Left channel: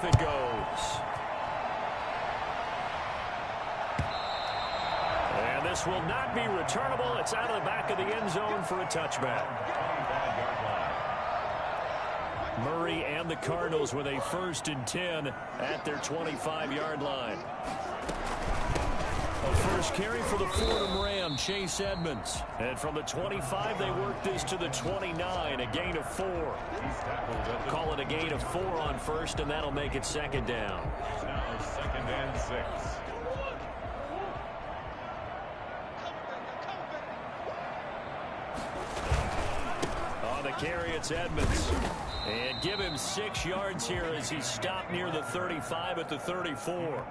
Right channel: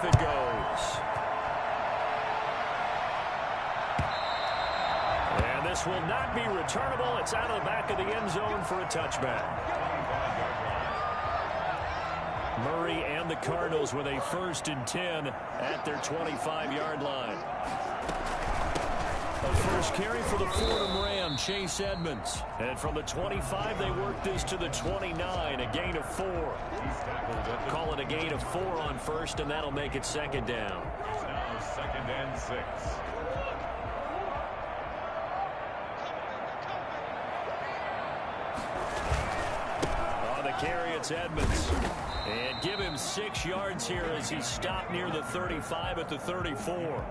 off it goes. And this will not be returnable. It's out of the back of the end zone for a touchback. Murray and the Cardinals with a 1st and 10 at their 25-yard line. A first carry for the Fordham Ram, Chase Edmonds. And from the 25, they work this to the 29, a gain of 4. Call it a gain of 4 on first, and that'll make it 2nd down. Now 2nd and 6. On the carry, it's Edmonds. And give him 6 yards here as he stopped near the 35 at the 34.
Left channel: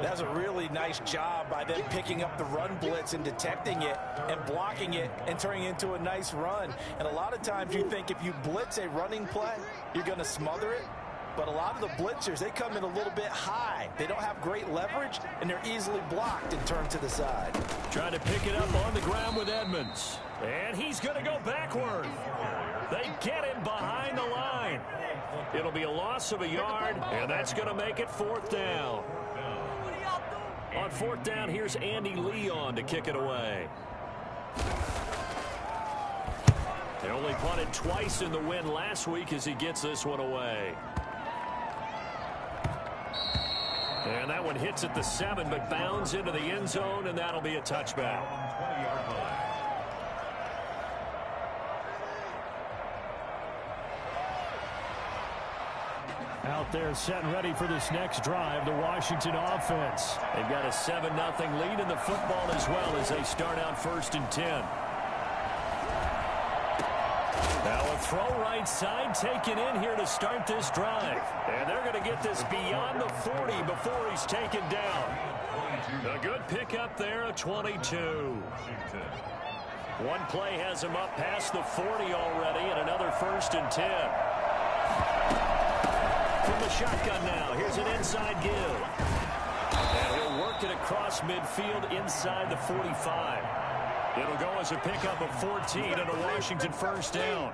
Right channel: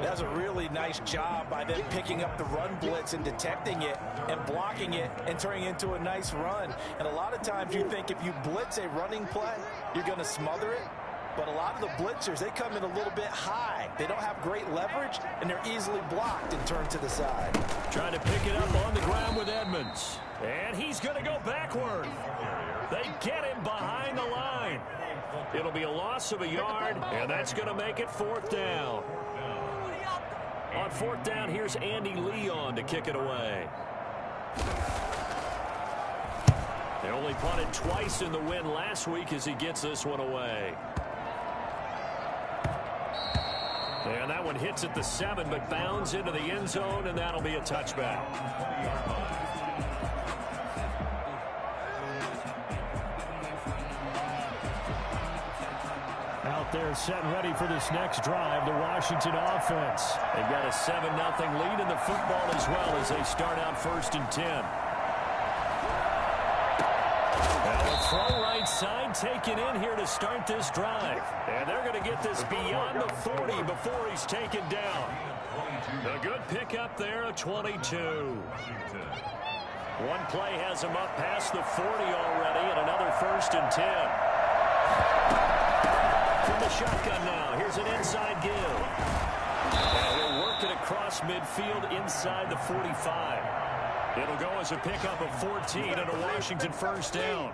That's a really nice job by them picking up the run blitz and detecting it and blocking it and turning it into a nice run. And a lot of times you think if you blitz a running play, you're going to smother it. But a lot of the blitzers, they come in a little bit high. They don't have great leverage, and they're easily blocked and turned to the side. Trying to pick it up on the ground with Edmonds. And he's going to go backward. They get him behind the line. It'll be a loss of a yard, and that's going to make it 4th down. On 4th down, here's Andy Leon to kick it away. They only punted twice in the win last week as he gets this one away. And that one hits at the 7, but bounds into the end zone, and that'll be a touchback. 20-yard line. Out there set and ready for this next drive, the Washington offense. They've got a 7-0 lead in the football as well as they start out 1st and 10. Now a throw right side taken in here to start this drive. And they're going to get this beyond the 40 before he's taken down. A good pickup there, a 22. One play has him up past the 40 already, and another 1st and 10. From the shotgun now, here's an inside give. And he'll work it across midfield inside the 45. It'll go as a pickup of 14 and a Washington 1st down.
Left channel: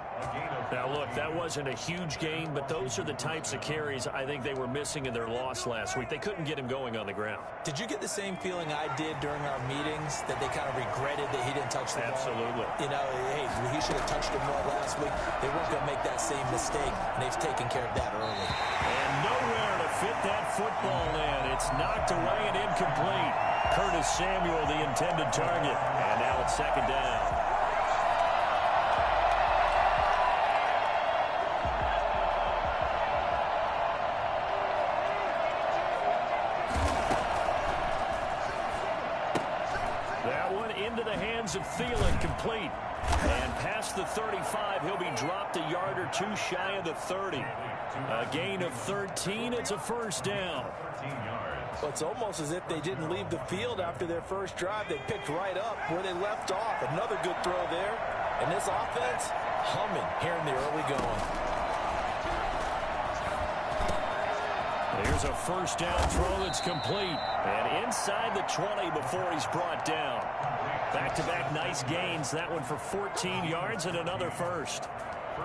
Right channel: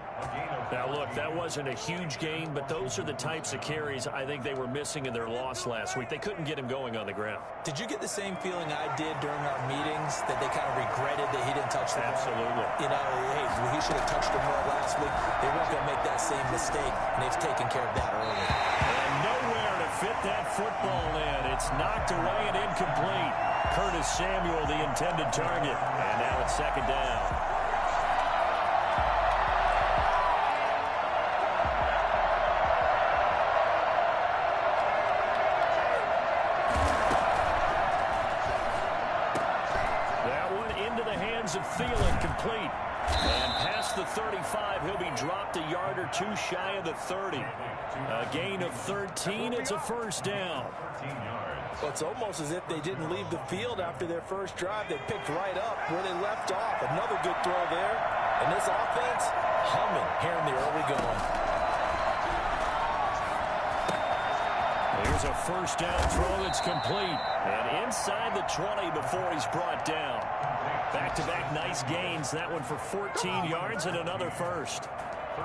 Now, look, that wasn't a huge gain, but those are the types of carries I think they were missing in their loss last week. They couldn't get him going on the ground. Did you get the same feeling I did during our meetings, that they kind of regretted that he didn't touch the ball? Absolutely. You know, hey, he should have touched it more last week. They weren't going to make that same mistake, and they've taken care of that early. And nowhere to fit that football in. It's knocked away and incomplete. Curtis Samuel, the intended target. And now it's 2nd down. That one into the hands of Thielen, complete. And past the 35, he'll be dropped a yard or 2 shy of the 30. A gain of 13, it's a 1st down. 13 yards. Well, it's almost as if they didn't leave the field after their first drive. They picked right up where they left off. Another good throw there. And this offense, humming here in the early going. Here's a 1st down throw that's complete. And inside the 20 before he's brought down. Back-to-back nice gains. That one for 14 yards and another 1st.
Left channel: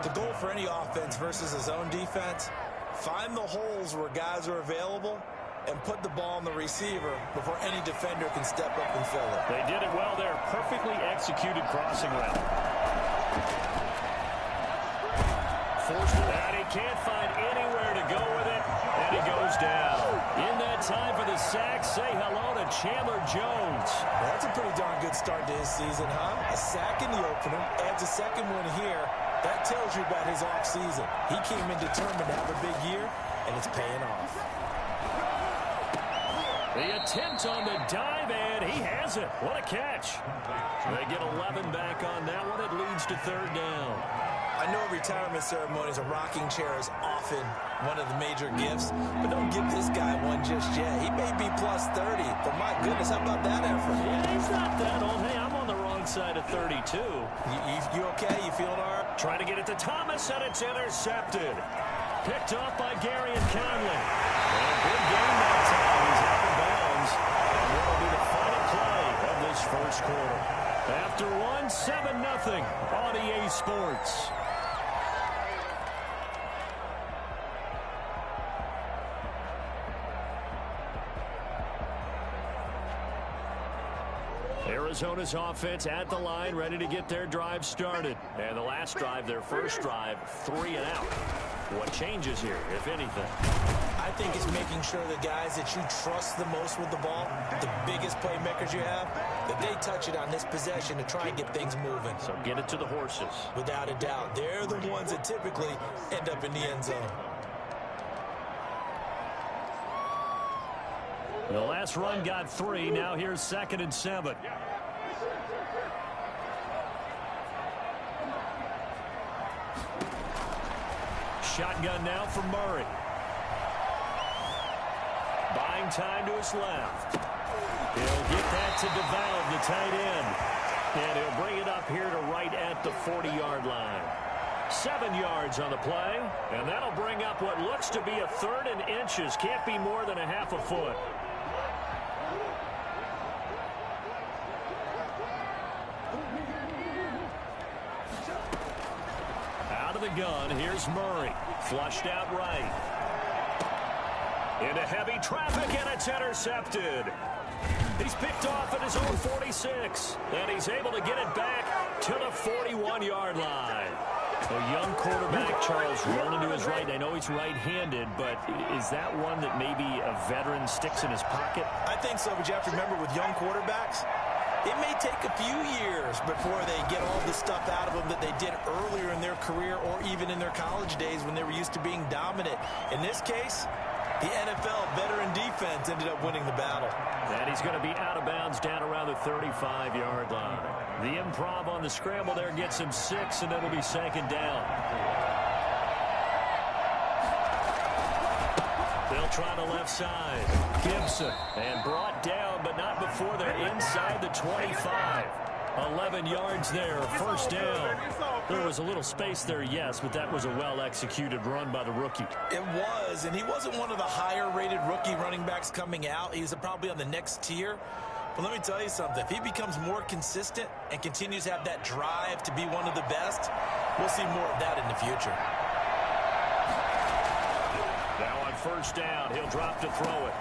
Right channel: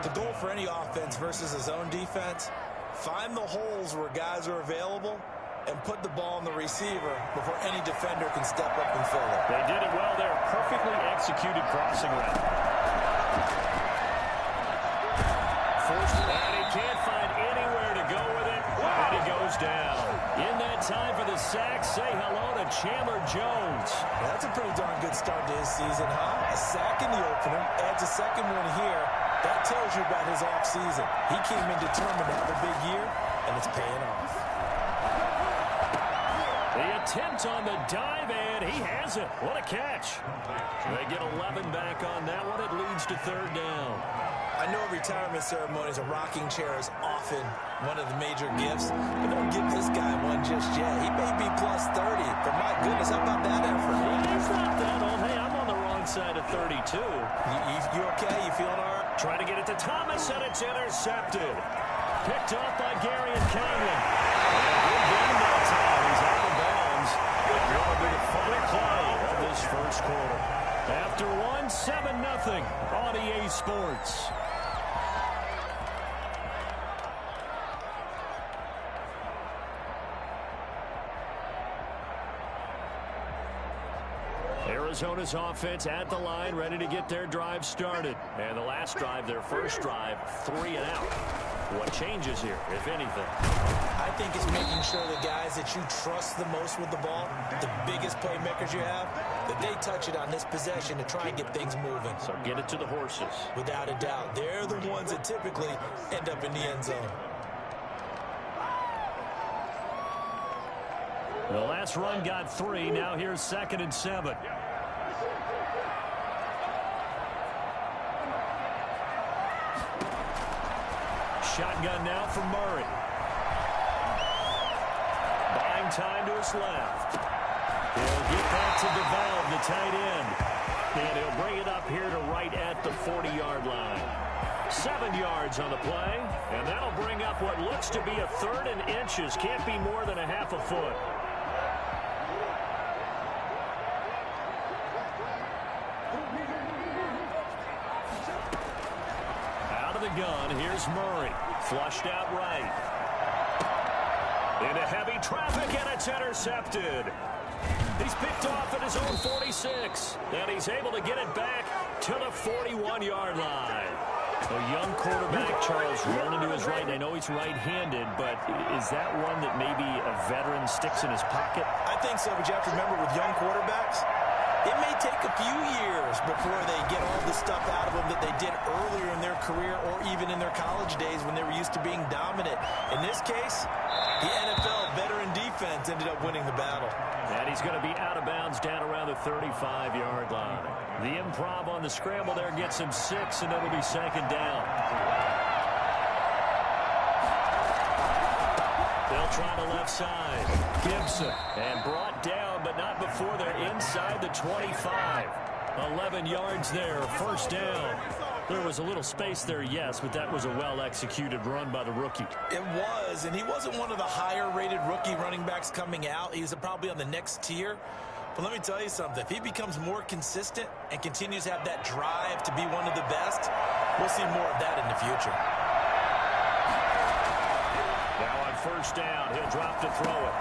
The goal for any offense versus his own defense, find the holes where guys are available and put the ball on the receiver before any defender can step up and fill it. They did it well there. Perfectly executed crossing route. And he can't find anywhere to go with it, and he goes down. In that time for the sack, say hello to Chandler Jones. Well, that's a pretty darn good start to his season, huh? A sack in the opener, adds a 2nd one here. That tells you about his offseason. He came in determined to have a big year, and it's paying off. The attempt on the dive, and he has it. What a catch. They get 11 back on that one. It leads to 3rd down. I know retirement ceremonies, a rocking chair is often one of the major gifts, but don't give this guy one just yet. He may be plus 30, but my goodness, how about that effort? Yeah, he's not that old. Hey, I'm on the wrong side of 32. You okay? You feeling all right? Trying to get it to Thomas, and it's intercepted. Picked off by Gary and Conley. And a good game that time. He's out of bounds. And what will be the final play of this 1st quarter. After 7-0 on EA Sports. Arizona's offense at the line, ready to get their drive started. And the last drive, their first drive, 3 and out. What changes here, if anything? I think it's making sure the guys that you trust the most with the ball, the biggest playmakers you have, that they touch it on this possession to try and get things moving. So get it to the horses. Without a doubt. They're the ones that typically end up in the end zone. The last run got 3. Now here's 2nd and 7. Shotgun now for Murray. Buying time to his left. He'll get that to DeValve, the tight end. And he'll bring it up here to right at the 40-yard line. 7 yards on the play. And that'll bring up what looks to be a 3rd and inches. Can't be more than a half a foot. Out of the gun, here's Murray. Flushed out right. Into heavy traffic, and it's intercepted. He's picked off at his own 46, and he's able to get it back to the 41-yard line. A young quarterback, Charles, rolling to his right. I know he's right-handed, but is that one that maybe a veteran sticks in his pocket? I think so, but you have to remember with young quarterbacks, it may take a few years before they get all the stuff out of them that they did earlier in their career or even in their college days when they were used to being dominant. In this case, the NFL veteran defense ended up winning the battle. And he's going to be out of bounds down around the 35-yard line. The improv on the scramble there gets him 6, and it'll be 2nd down. They'll try the left side. Gibson. And brought down, but not before they're inside the 25. 11 yards there, 1st down. There was a little space there, yes, but that was a well-executed run by the rookie. It was, and he wasn't one of the higher-rated rookie running backs coming out. He was probably on the next tier. But let me tell you something. If he becomes more consistent and continues to have that drive to be one of the best, we'll see more of that in the future. Now on 1st down, he'll drop to throw it.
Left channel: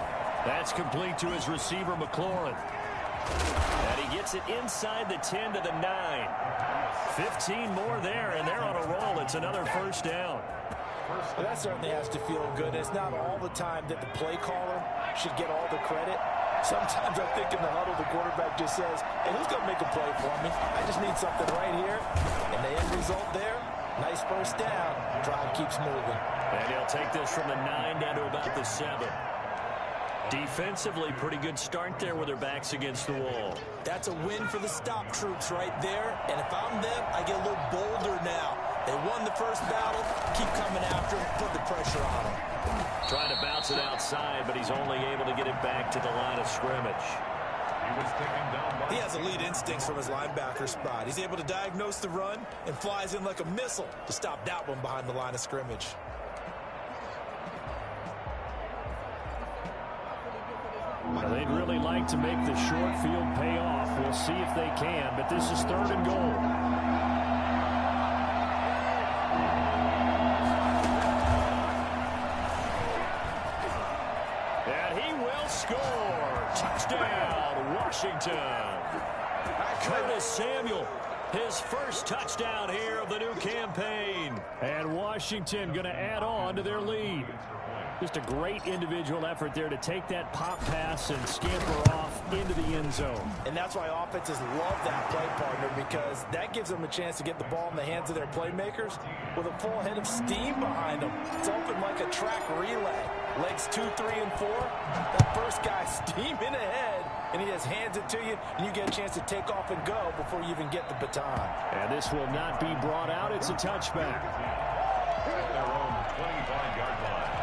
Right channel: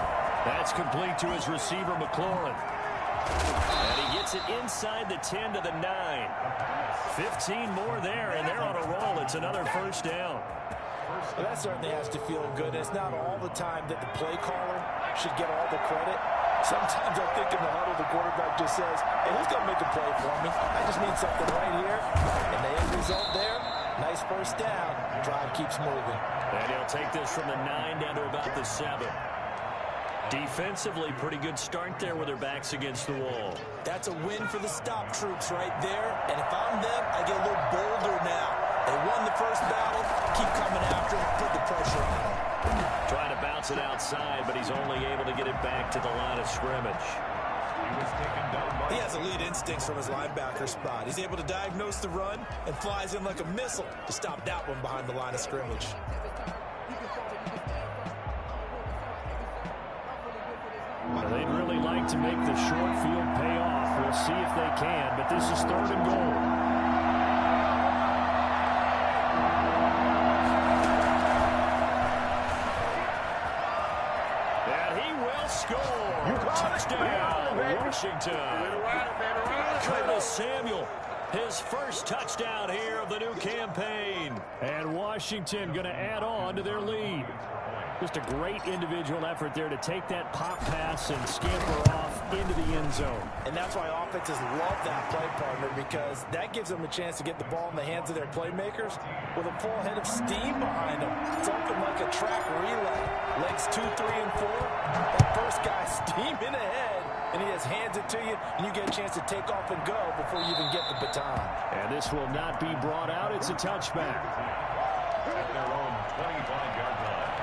That's complete to his receiver, McLaurin. And he gets it inside the 10 to the 9. 15 more there, and they're on a roll. It's another 1st down. Well, that certainly has to feel good. It's not all the time that the play caller should get all the credit. Sometimes I think in the huddle, the quarterback just says, hey, who's going to make a play for me? I just need something right here. And the end result there, nice 1st down. Drive keeps moving. And he'll take this from the 9 down to about the 7. Defensively, pretty good start there with their backs against the wall. That's a win for the stop troops right there. And if I'm them, I get a little bolder now. They won the first battle. Keep coming after them. Put the pressure on them. Trying to bounce it outside, but he's only able to get it back to the line of scrimmage. He was taken down by... He has elite instincts from his linebacker spot. He's able to diagnose the run and flies in like a missile to stop that one behind the line of scrimmage. They'd really like to make the short field pay off. We'll see if they can, but this is 3rd and goal. And he will score. Touchdown, Washington. Curtis Samuel, his first touchdown here of the new campaign. And Washington going to add on to their lead. Just a great individual effort there to take that pop pass and scamper off into the end zone. And that's why offenses love that play partner, because that gives them a chance to get the ball in the hands of their playmakers with a full head of steam behind them. It's open like a track relay. Legs 2, 3, and 4. That first guy steaming ahead, and he just hands it to you, and you get a chance to take off and go before you even get the baton. And this will not be brought out. It's a touchback. At their own 25-yard line.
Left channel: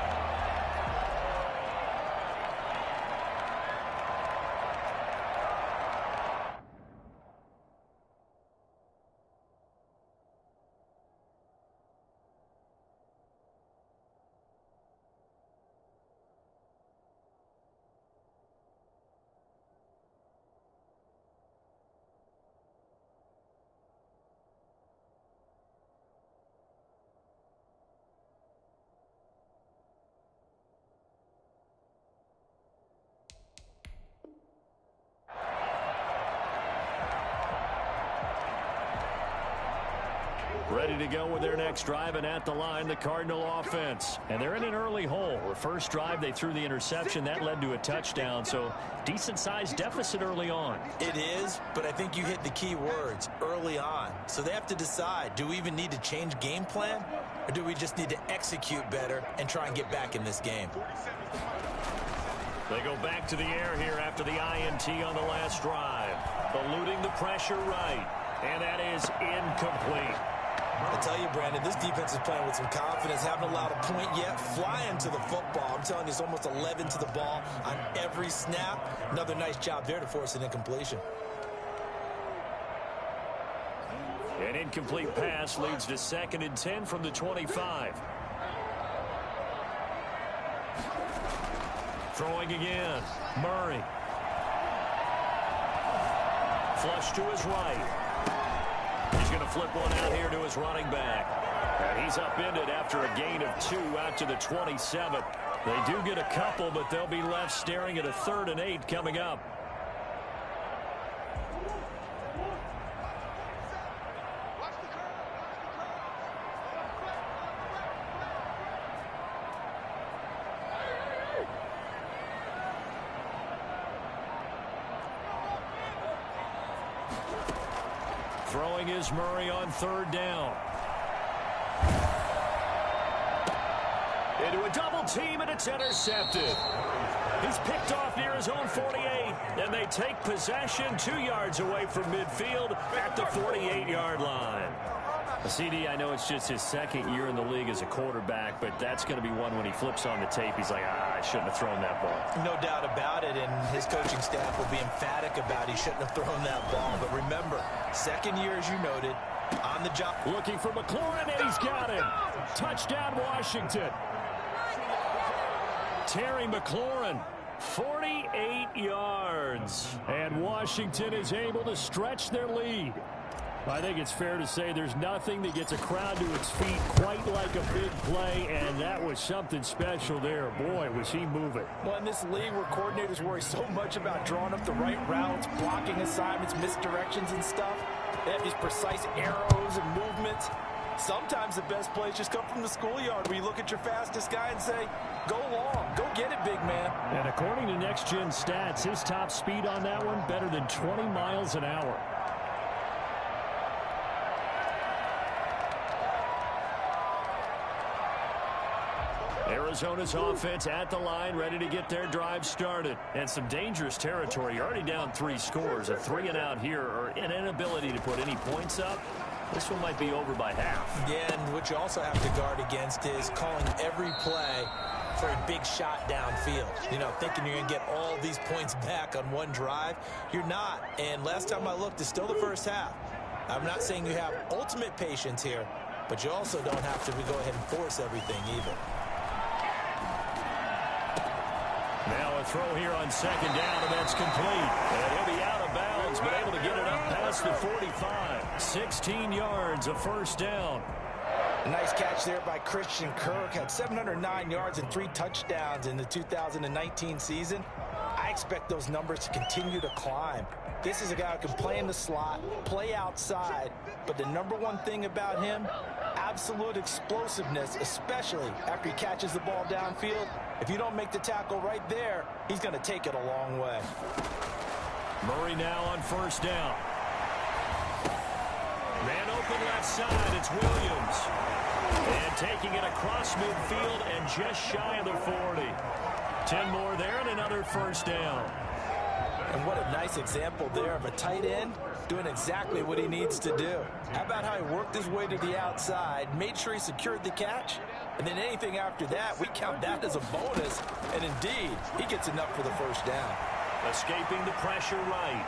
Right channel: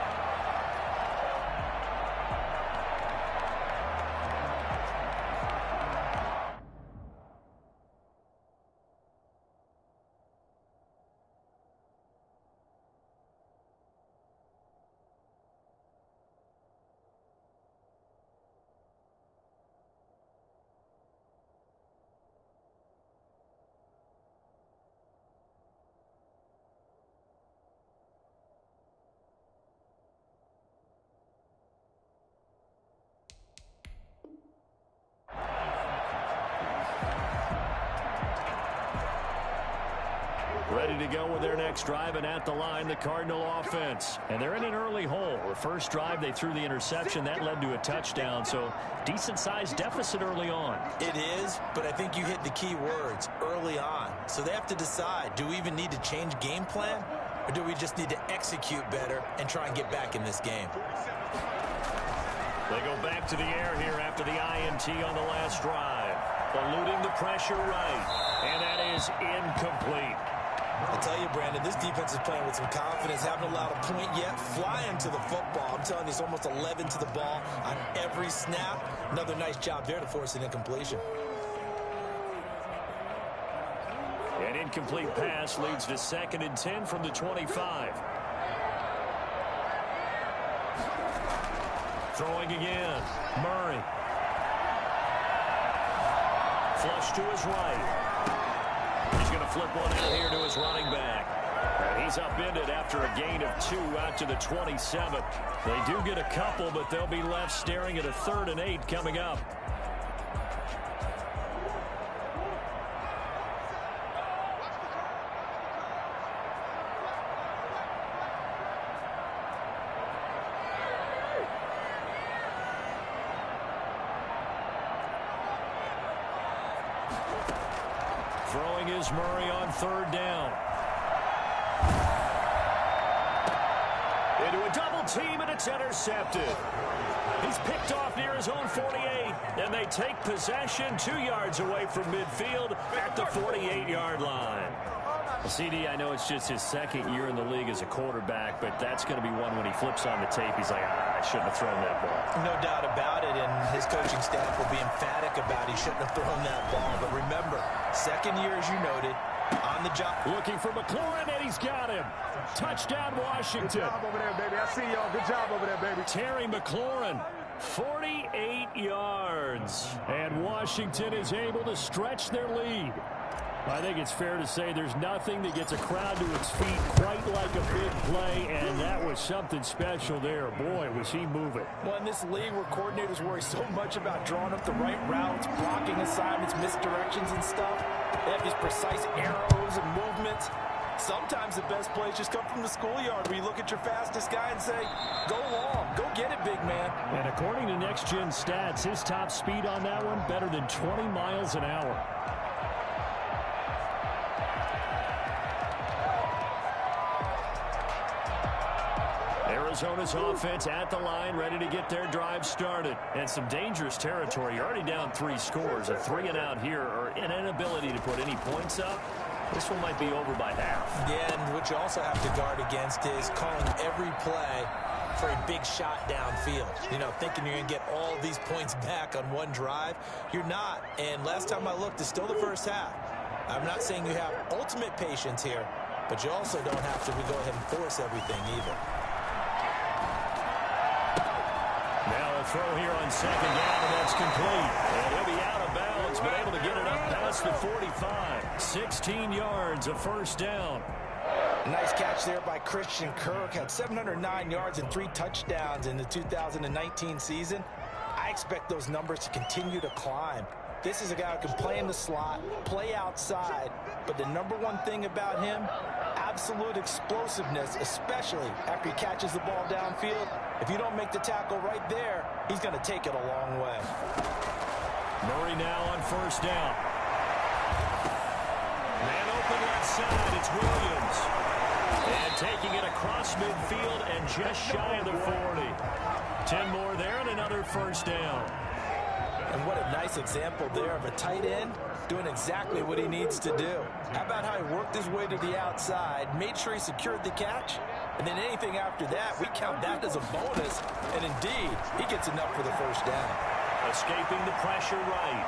ready to go with their next drive, and at the line, the Cardinal offense. And they're in an early hole. The first drive, they threw the interception. That led to a touchdown, so decent-sized deficit early on. It is, but I think you hit the key words, early on. So they have to decide, do we even need to change game plan, or do we just need to execute better and try and get back in this game? They go back to the air here after the INT on the last drive. Eluding the pressure right, and that is incomplete. I tell you, Brandon, this defense is playing with some confidence. Haven't allowed a point yet. Flying to the football. I'm telling you, it's almost 11 to the ball on every snap. Another nice job there to force an incompletion. An incomplete pass leads to 2nd and 10 from the 25. Throwing again. Murray. Flush to his right. He's going to flip one out here to his running back. And he's upended after a gain of 2 out to the 27. They do get a couple, but they'll be left staring at a 3rd and 8 coming up. Throwing is Murray on 3rd down. Into a double team, and it's intercepted. He's picked off near his own 48, and they take possession 2 yards away from midfield at the 48-yard line. CD, I know it's just his 2nd year in the league as a quarterback, but that's going to be one when he flips on the tape. He's like, I shouldn't have thrown that ball. No doubt about it, and his coaching staff will be emphatic about he shouldn't have thrown that ball. But remember, 2nd year, as you noted, on the job. Looking for McLaurin, and he's got him. Touchdown, Washington. Terry McLaurin, 48 yards. And Washington is able to stretch their lead. I think it's fair to say there's nothing that gets a crowd to its feet quite like a big play, and that was something special there. Boy, was he moving. Well, in this league where coordinators worry so much about drawing up the right routes, blocking assignments, misdirections and stuff, they have these precise arrows and movements. Sometimes the best plays just come from the schoolyard where you look at your fastest guy and say, go long, go get it, big man. And according to Next Gen Stats, his top speed on that one, better than 20 miles an hour. Arizona's offense at the line, ready to get their drive started. And some dangerous territory. You're already down 3 scores. A 3 and out here, or an inability to put any points up. This one might be over by half. Yeah, and what you also have to guard against is calling every play for a big shot downfield. You know, thinking you're going to get all these points back on one drive. You're not. And last time I looked, it's still the first half. I'm not saying you have ultimate patience here, but you also don't have to go ahead and force everything either. Now a throw here on 2nd down, and that's complete. And he'll be out of bounds, but able to get it up past the 45. 16 yards, a 1st down. Nice catch there by Christian Kirk. Had 709 yards and 3 touchdowns in the 2019 season. I expect those numbers to continue to climb. This is a guy who can play in the slot, play outside, but the #1 thing about him, absolute explosiveness, especially after he catches the ball downfield. If you don't make the tackle right there, he's going to take it a long way. Murray now on 1st down. Man open left side, it's Williams. And taking it across midfield and just shy of the 40. 10 more there and another 1st down. And what a nice example there of a tight end doing exactly what he needs to do. How about how he worked his way to the outside, made sure he secured the catch, and then anything after that, we count that as a bonus. And indeed, he gets enough for the 1st down. Escaping the pressure right.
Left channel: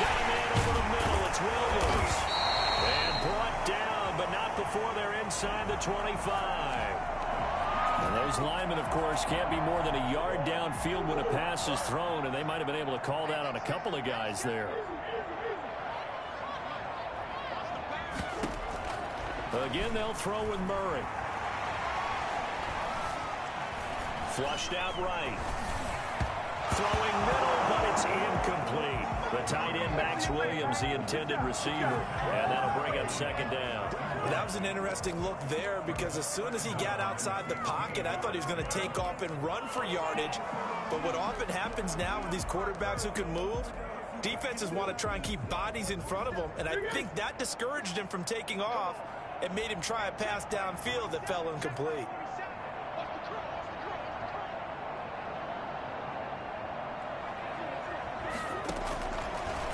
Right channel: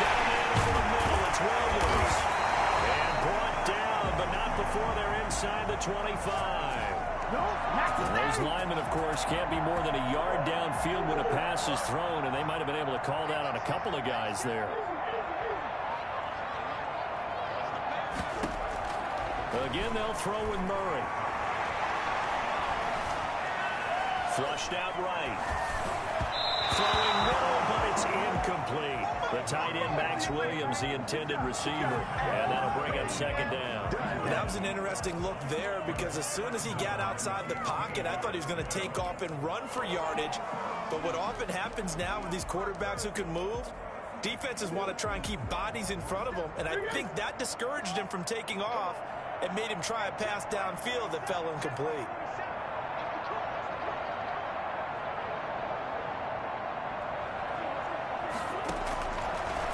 Got a man over the middle. It's Williams. And brought down, but not before they're inside the 25. And those linemen, of course, can't be more than a yard downfield when a pass is thrown, and they might have been able to call that on a couple of guys there. Again, they'll throw with Murray. Flushed out right. Throwing middle, but it's incomplete. The tight end, Max Williams, the intended receiver. And that'll bring up second down. That was an interesting look there because as soon as he got outside the pocket, I thought he was going to take off and run for yardage. But what often happens now with these quarterbacks who can move, defenses want to try and keep bodies in front of them. And I think that discouraged him from taking off and made him try a pass downfield that fell incomplete.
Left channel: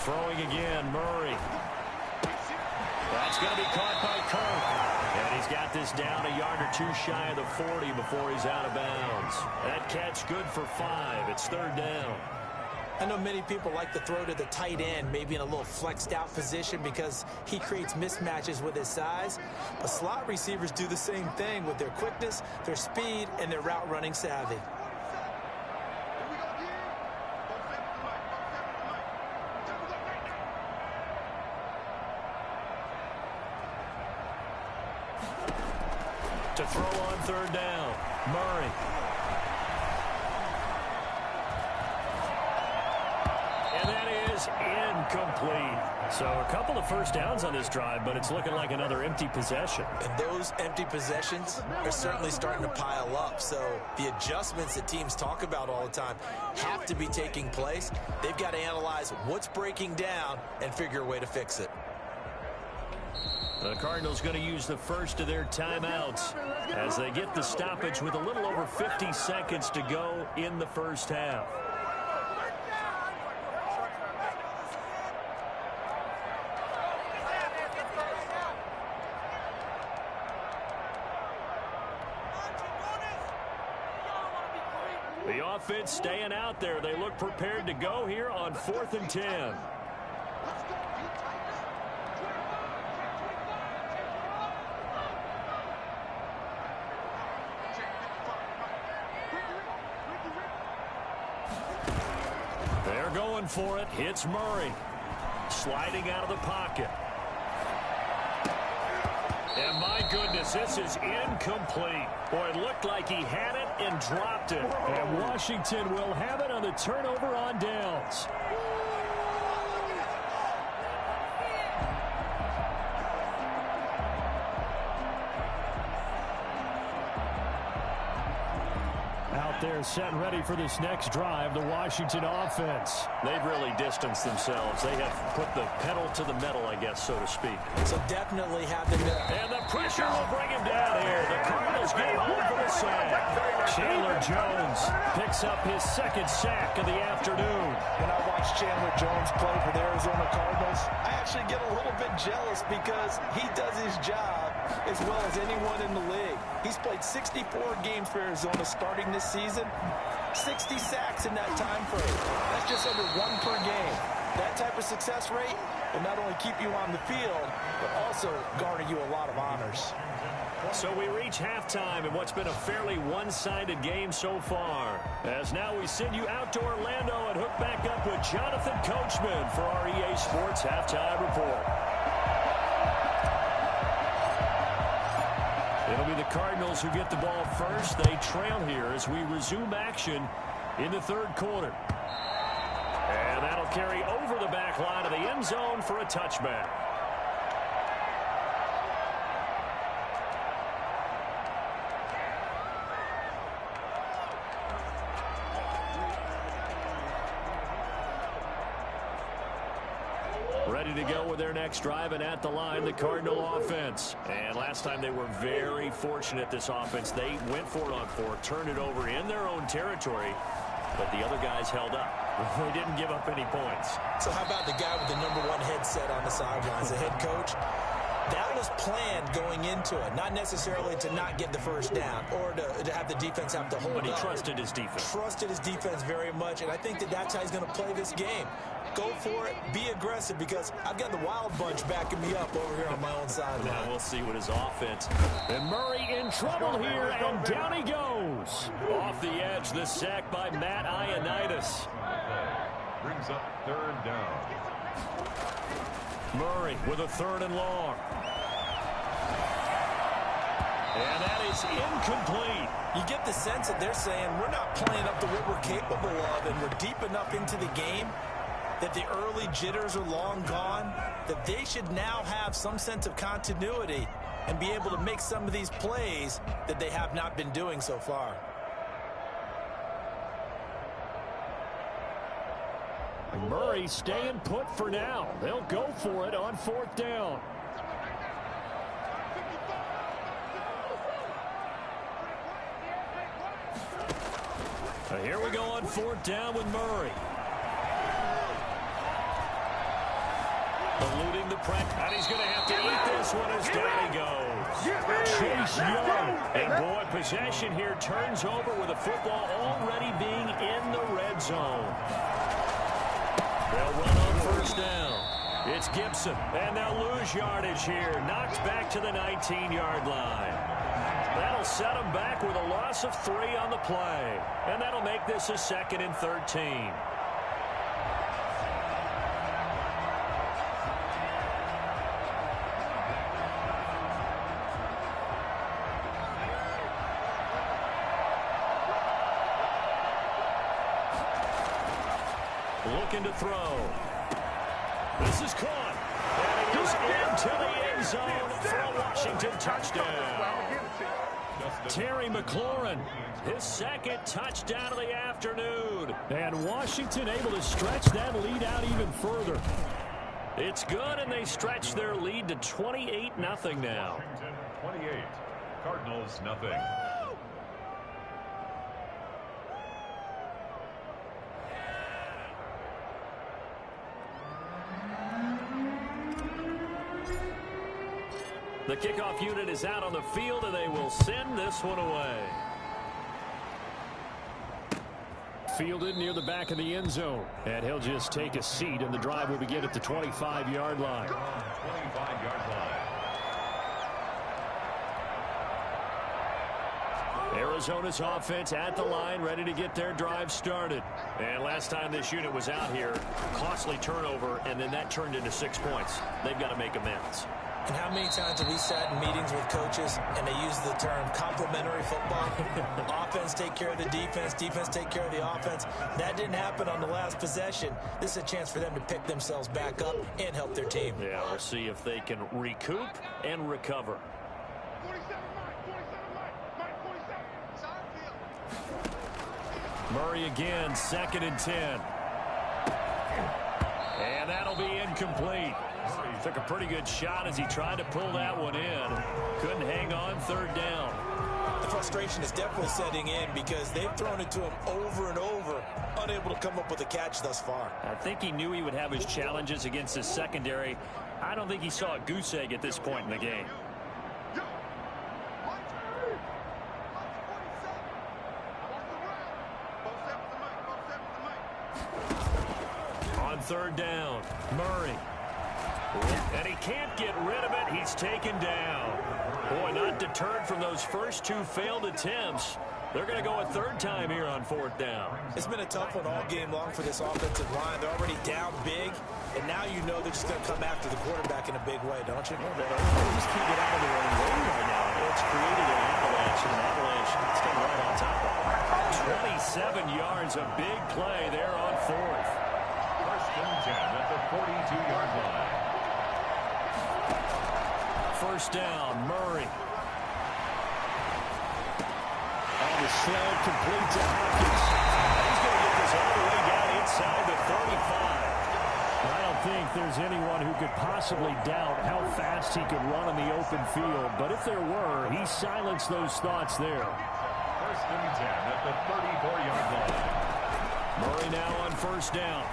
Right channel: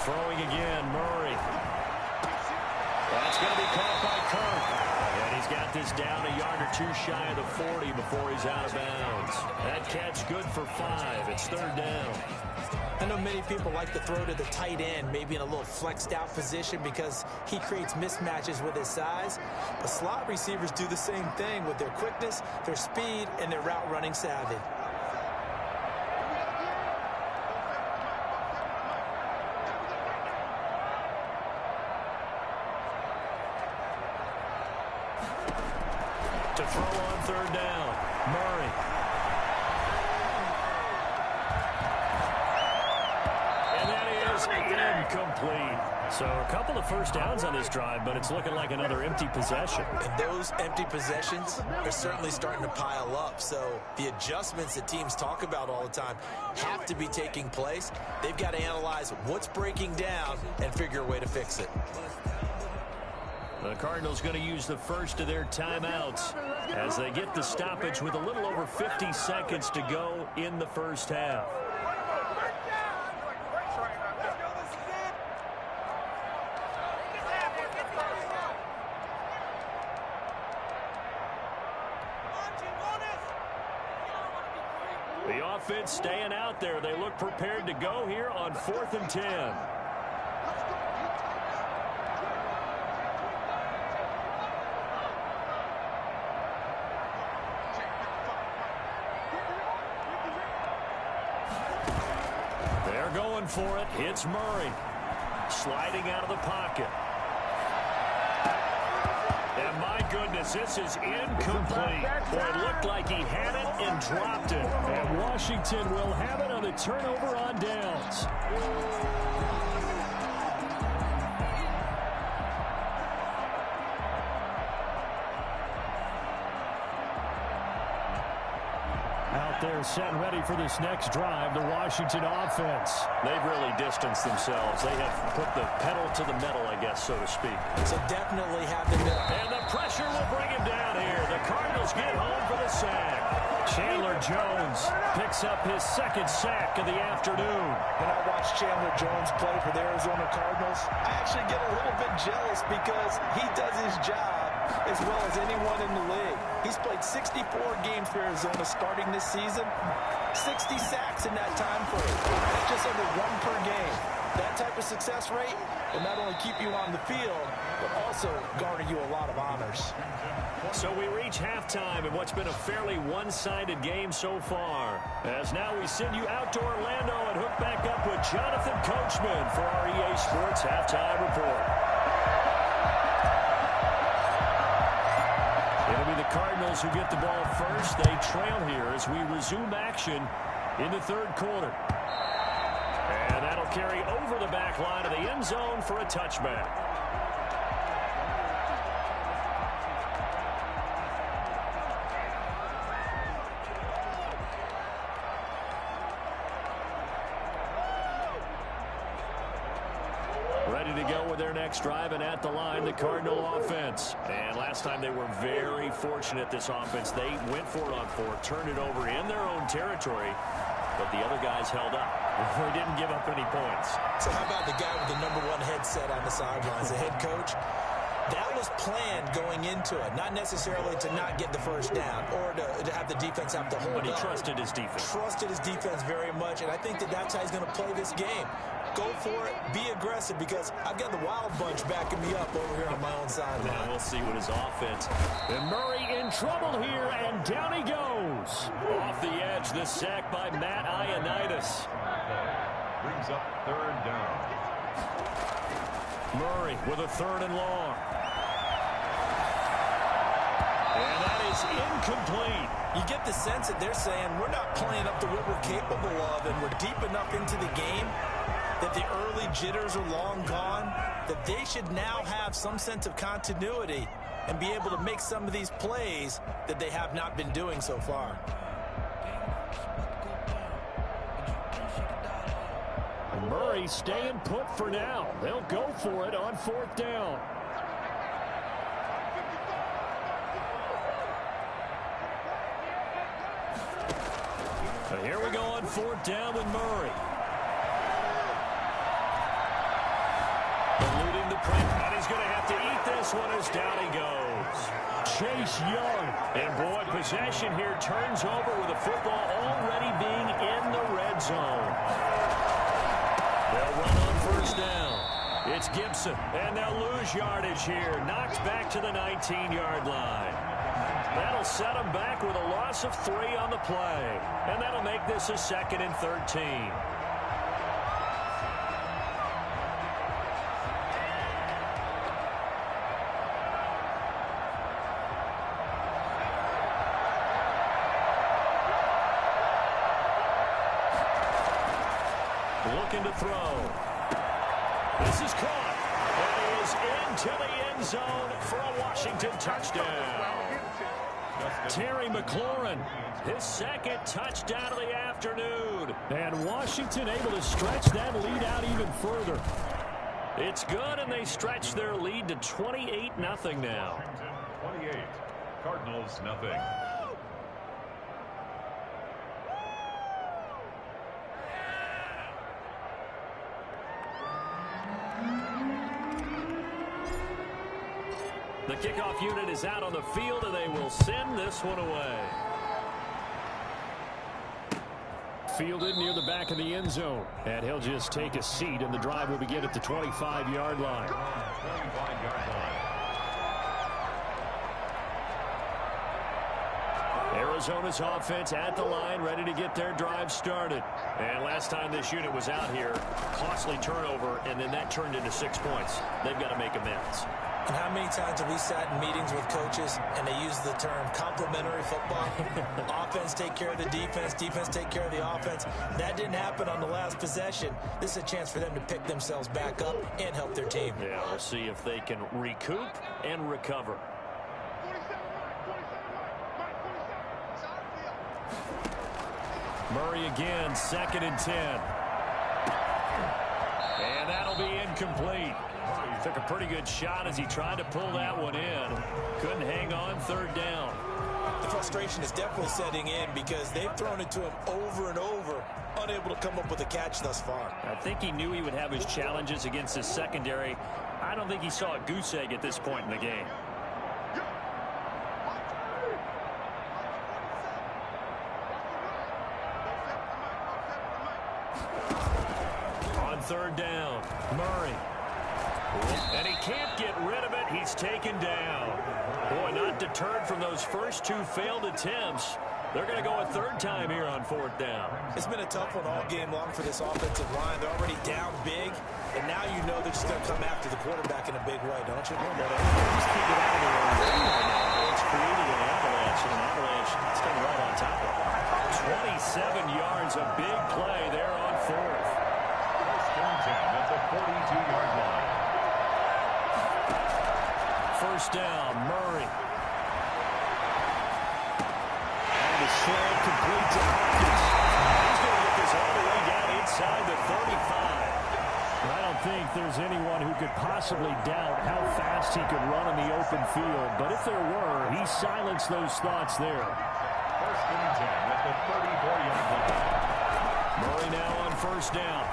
Throwing again, Murray. That's going to be caught by Kirk. And he's got this down a yard or two shy of the 40 before he's out of bounds. That catch good for 5. It's third down. I know many people like to throw to the tight end, maybe in a little flexed out position because he creates mismatches with his size. But slot receivers do the same thing with their quickness, their speed, and their route running savvy. To throw on third down, Murray. And that is incomplete. So a couple of first downs on this drive, but it's looking like another empty possession. And those empty possessions are certainly starting to pile up. So the adjustments that teams talk about all the time have to be taking place. They've got to analyze what's breaking down and figure a way to fix it. The Cardinals going to use the first of their timeouts as they get the stoppage with a little over 50 seconds to go in the first half. The offense staying out there. They look prepared to go here on 4th and 10. They're going for it. It's Murray. Sliding out of the pocket. And my goodness, this is incomplete. Boy, it looked like he had it and dropped it. And Washington will have it on the turnover on downs. Out there set and ready for this next drive, the Washington offense. They've really distanced themselves. They have put the pedal to the metal, I guess, so to speak. So definitely have them. And the pressure will bring him down here. The Cardinals get home for the sack. Chandler Jones picks up his second sack of the afternoon. When I watch Chandler Jones play for the Arizona Cardinals, I actually get a little bit jealous because he does his job as well as anyone in the league. He's played 64 games for Arizona starting this season, 60 sacks in that time frame. That's just under 1 per game. That type of success rate will not only keep you on the field, but also garner you a lot of honors. So we reach halftime in what's been a fairly one-sided game so far. As now we send you out to Orlando and hook back up with Jonathan Coachman for our EA Sports Halftime Report. It'll be the Cardinals who get the ball first. They trail here as we resume action in the third quarter. And that'll carry over the back line of the end zone for a touchback. Ready to go with their next drive, and at the line, the Cardinal offense. And last time they were very fortunate, this offense. They went for it on 4, turned it over in their own territory, but the other guys held up. They didn't give up any points. So how about the guy with the #1 headset on the sidelines, the head coach? That was planned going into it, not necessarily to not get the first down or to have the defense have to hold up. But he trusted his defense. Trusted his defense very much, and I think that's how he's going to play this game. Go for it, be aggressive, because I've got the Wild Bunch backing me up over here on my own sideline. Now we'll see what his offense. And Murray in trouble here, and down he goes. Off the edge, the sack by Matt Ioannidis. Brings up third down. Murray with a 3rd and long. And that is is incomplete. You get the sense that they're saying we're not playing up to what we're capable of, and we're deep enough into the game that the early jitters are long gone, that they should now have some sense of continuity and be able to make some of these plays that they have not been doing so far. Murray staying put for now. They'll go for it on 4th down. Here we go on 4th down with Murray. Eluding the press, and he's going to have to eat this one as down he goes. Chase Young. And boy, possession here turns over with the football already being in the red zone. They'll run on 1st down. It's Gibson, and they'll lose yardage here. Knocked back to the 19-yard line. That'll set them back with a loss of 3 on the play. And that'll make this a 2nd and 13. Looking to throw. This is caught. And he is into the end zone for a Washington touchdown. Terry McLaurin, his 2nd touchdown of the afternoon. And Washington able to stretch that lead out even further. It's good, and they stretch their lead to 28-0 now. 28, Cardinals nothing. The kickoff unit is out on the field, and they will send this one away. Fielded near the back of the end zone. And he'll just take a seat, and the drive will begin at the 25-yard line. 25-yard line. Arizona's offense at the line, ready to get their drive started. And last time this unit was out here, costly turnover, and then that turned into 6 points. They've got to make amends. And how many times have we sat in meetings with coaches and they use the term complementary football? Offense take care of the defense, defense take care of the offense. That didn't happen on the last possession. This is a chance for them to pick themselves back up and help their team. Yeah, we'll see if they can recoup and recover. 47 Mike, 47. Murray again, 2nd and 10. And that'll be incomplete. Took a pretty good shot as he tried to pull that one in. Couldn't hang on 3rd down. The frustration is definitely setting in because they've thrown it to him over and over, unable to come up with a catch thus far. I think he knew he would have his challenges against his secondary. I don't think he saw a goose egg at this point in the game. On 3rd down, Murray. And he can't get rid of it. He's taken down. Boy, not deterred from those first 2 failed attempts. They're going to go a 3rd time here on 4th down. It's been a tough one all game long for this offensive line. They're already down big, and now you know they're just going to come after the quarterback in a big way, don't you? Well, they just can't get out of their own way right now. It's created an avalanche, and an avalanche is coming right on top of them. 27 yards, a big play there on 4th. 1st and 10 at the 42-yard line. 1st down, Murray. And the slam complete to Hopkins. He's going to get this all the way down inside the 35. I don't think there's anyone who could possibly doubt how fast he could run in the open field. But if there were, he silenced those thoughts there. 1st and 10 at the 34-yard line. Murray now on 1st down.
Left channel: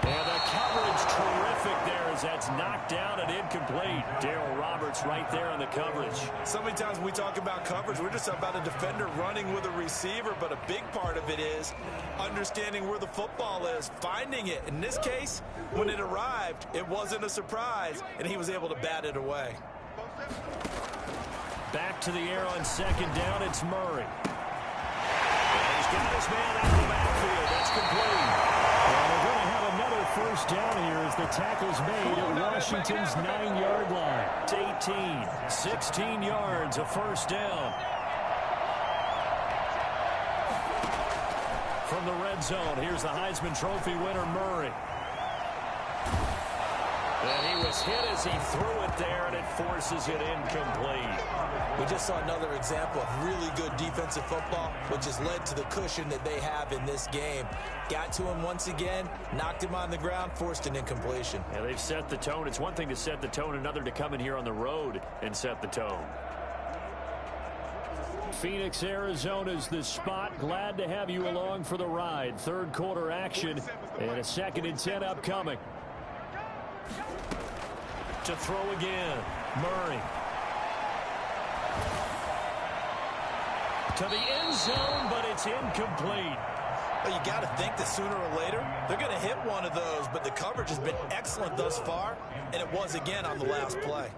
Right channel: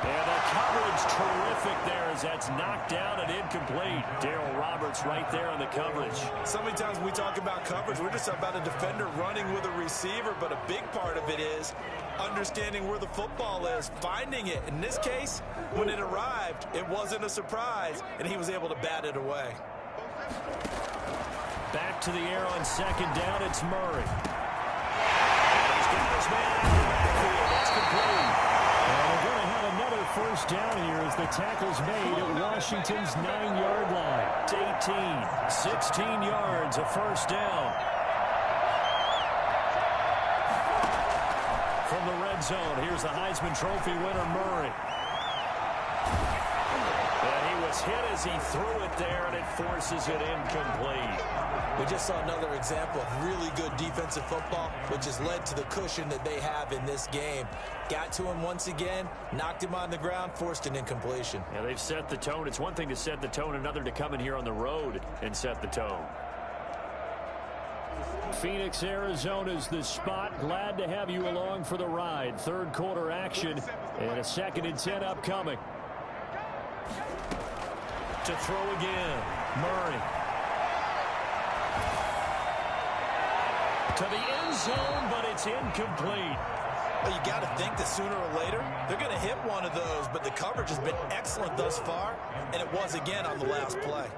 And the coverage terrific there as that's knocked down and incomplete. Darryl Roberts right there on the coverage. So many times when we talk about coverage, we're just about a defender running with a receiver, but a big part of it is understanding where the football is, finding it. In this case, when it arrived, it wasn't a surprise, and he was able to bat it away. Back to the air on 2nd down, it's Murray. And he's got his man out of the backfield. That's complete. And they're going to have another first down here as the tackle's made at Washington's 9-yard line. It's 18, 16 yards, a first down. From the red zone, here's the Heisman Trophy winner, Murray. And he was hit as he threw it there, and it forces it incomplete. We just saw another example of really good defensive football, which has led to the cushion that they have in this game. Got to him once again, knocked him on the ground, forced an incompletion. Yeah, they've set the tone. It's one thing to set the tone, another to come in here on the road and set the tone. Phoenix, Arizona's the spot. Glad to have you along for the ride. Third quarter action and a 2nd and 10 upcoming. To throw again, Murray. To the end zone, but it's incomplete. Well, you got to think that sooner or later, they're going to hit one of those, but the coverage has been excellent thus far, and it was again on the last play.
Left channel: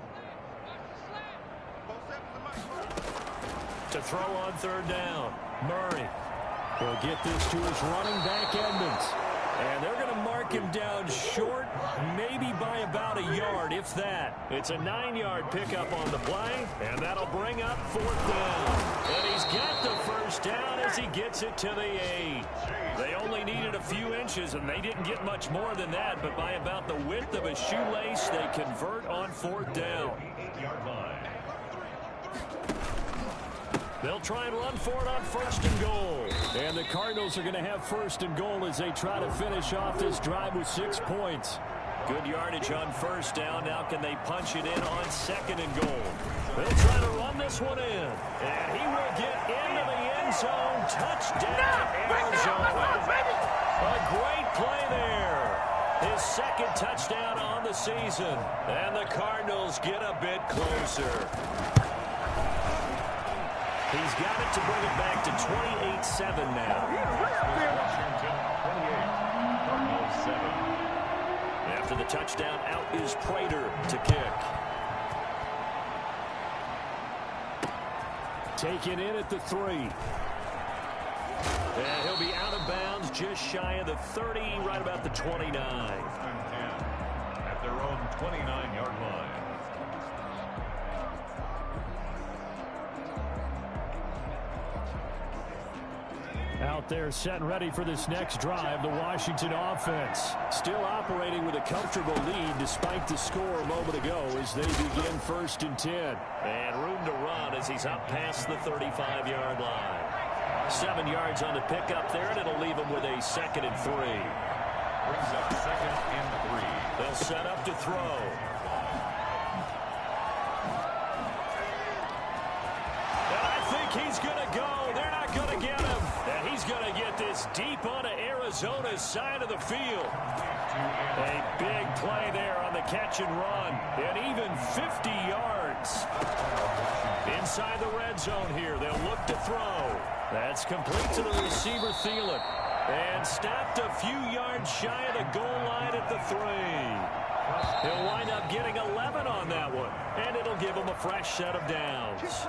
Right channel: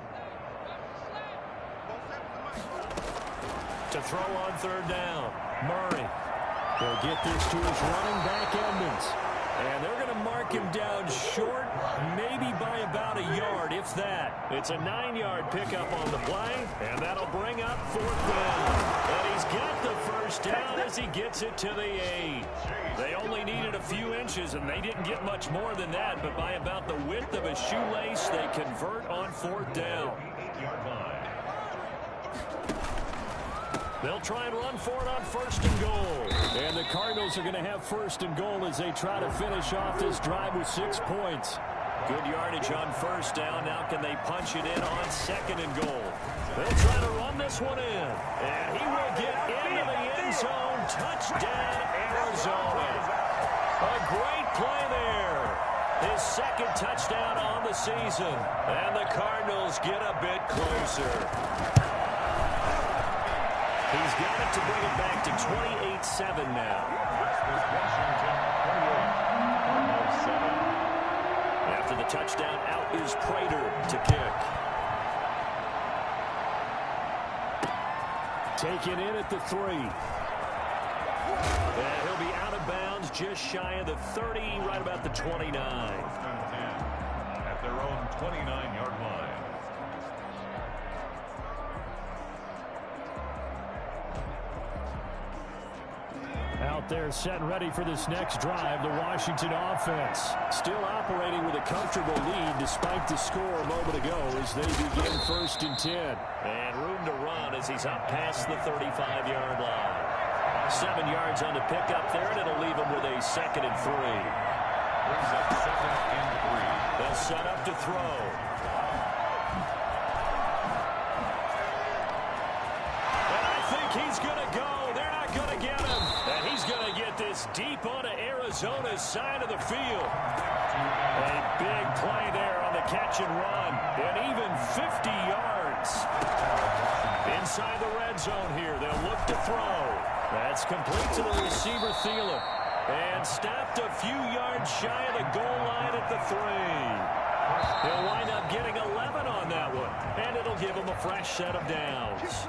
To throw on 3rd down, Murray. He'll get this to his running back, Edmonds. And they're going to mark him down short, maybe by about a yard, if that. It's a 9-yard pickup on the play, and that'll bring up 4th down. And he's got the first down as he gets it to the 8. They only needed a few inches, and they didn't get much more than that, but by about the width of a shoelace, they convert on 4th down. They'll try and run for it on 1st and goal. And the Cardinals are going to have 1st and goal as they try to finish off this drive with 6 points. Good yardage on 1st down. Now can they punch it in on 2nd and goal? They'll try to run this one in. And he will get into the end zone. Touchdown, Arizona. A great play there. His 2nd touchdown on the season. And the Cardinals get a bit closer. He's got it to bring it back to 28-7 now. Washington 28, Cardinals 7. After the touchdown, out is Prater to kick. Taken in at the 3. And he'll be out of bounds just shy of the 30, right about the 29. 1st and 10 at their own 29-yard line. Out there set and ready for this next drive, the Washington offense. Still operating with a comfortable lead despite the score a moment ago as they begin 1st and 10. And room to run as he's up past the 35-yard line. 7 yards on the pickup there, and it'll leave him with a 2nd and 3. Brings up 2nd and 3. They'll set up to throw. And I think he's going to go. They're not going to get him. And he's going to get this deep onto Arizona's side of the field. A big play there on the catch and run. And even 50 yards. Inside the red zone here. They'll look to throw. That's complete to the receiver, Thielen. And stopped a few yards shy of the goal line at the 3. He'll wind up getting 11 on that one. And it'll give him a fresh set of downs.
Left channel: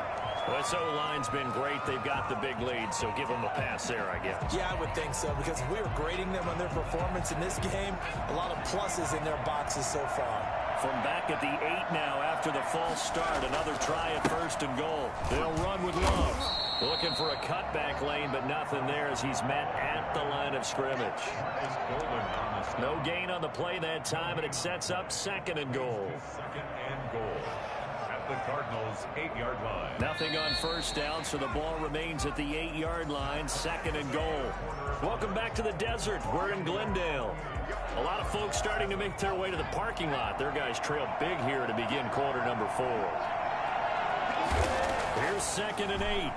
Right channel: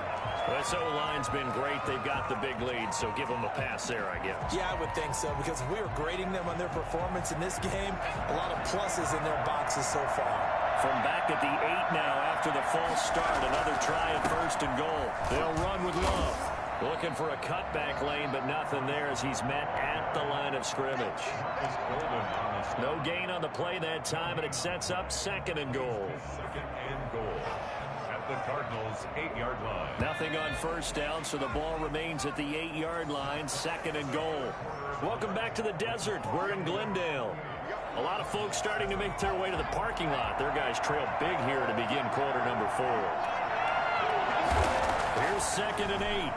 This O-line's been great. They've got the big lead, so give them a pass there, I guess. Yeah, I would think so, because if we were grading them on their performance in this game, a lot of pluses in their boxes so far. From back at the 8 now after the false start, another try at 1st and goal. They'll run with Love. Looking for a cutback lane, but nothing there as he's met at the line of scrimmage. No gain on the play that time, and it sets up 2nd and goal. 2nd and goal. The Cardinals 8-yard line. Nothing on 1st down, so the ball remains at the 8-yard line. 2nd and goal. Welcome back to the desert. We're in Glendale. A lot of folks starting to make their way to the parking lot. Their guys trail big here to begin quarter number 4. Here's 2nd and 8.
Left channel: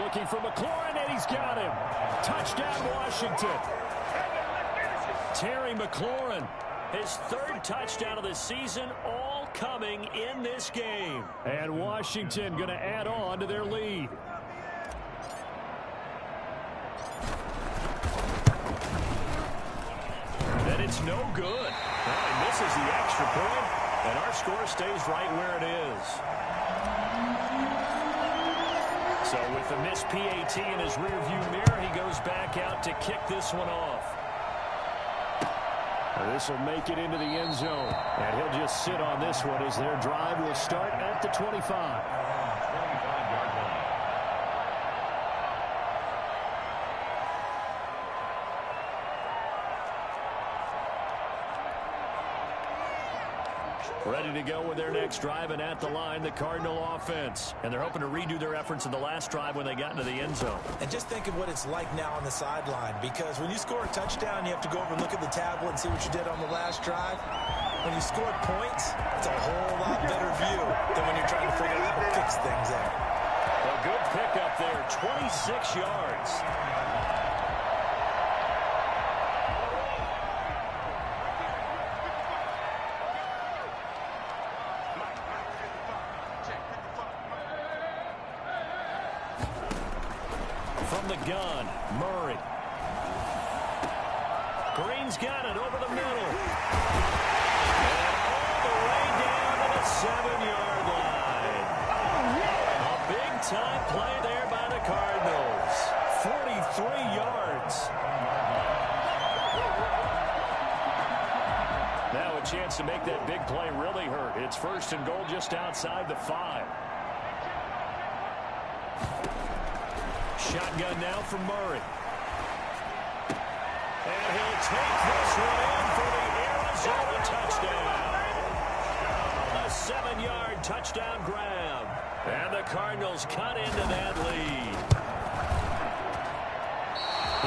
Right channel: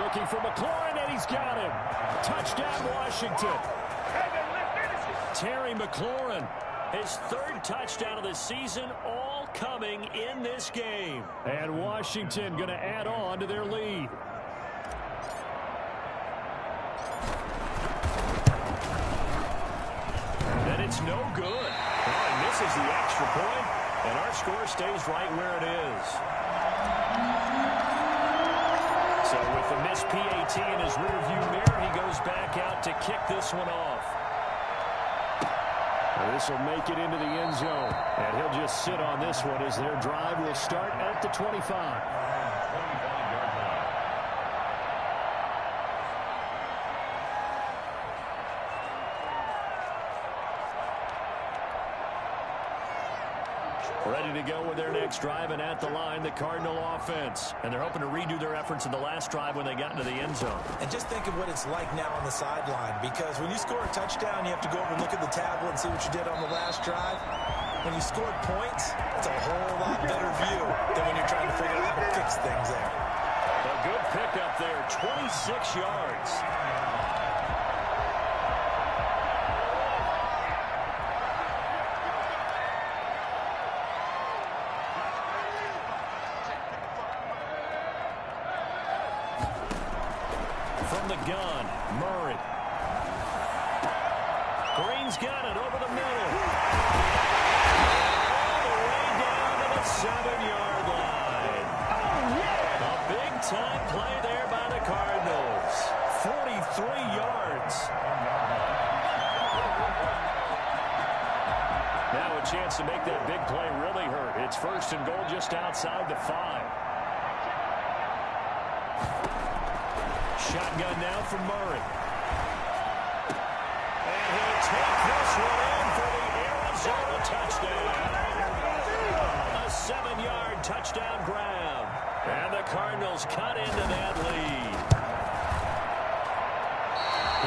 Looking for McLaurin, and he's got him. Touchdown, Washington. Terry McLaurin. His 3rd touchdown of the season, all coming in this game. And Washington going to add on to their lead. And it's no good. Oh, he misses the extra point, and our score stays right where it is. So with the missed PAT in his rearview mirror, he goes back out to kick this one off. This will make it into the end zone, and he'll just sit on this one as their drive will start at the 25. 25-yard line. Ready to go with their next drive, and at the line, the Cardinal offense. And they're hoping to redo their efforts in the last drive when they got into the end zone. And just think of what it's like now on the sideline, because when you score a touchdown, you have to go over and look at the tablet and see what you did on the last drive. When you scored points, it's a whole lot better view than when you're trying to figure out how to fix things there. A good pickup there, 26 yards. From the gun, Murray. Green's got it over the middle. And all the way down to the 7-yard line. A big-time play there by the Cardinals. 43 yards. Now a chance to make that big play really hurt. It's 1st and goal just outside the 5. Shotgun now from Murray. And he'll take this one in for the Arizona touchdown. A 7-yard touchdown grab. And the Cardinals cut into that lead.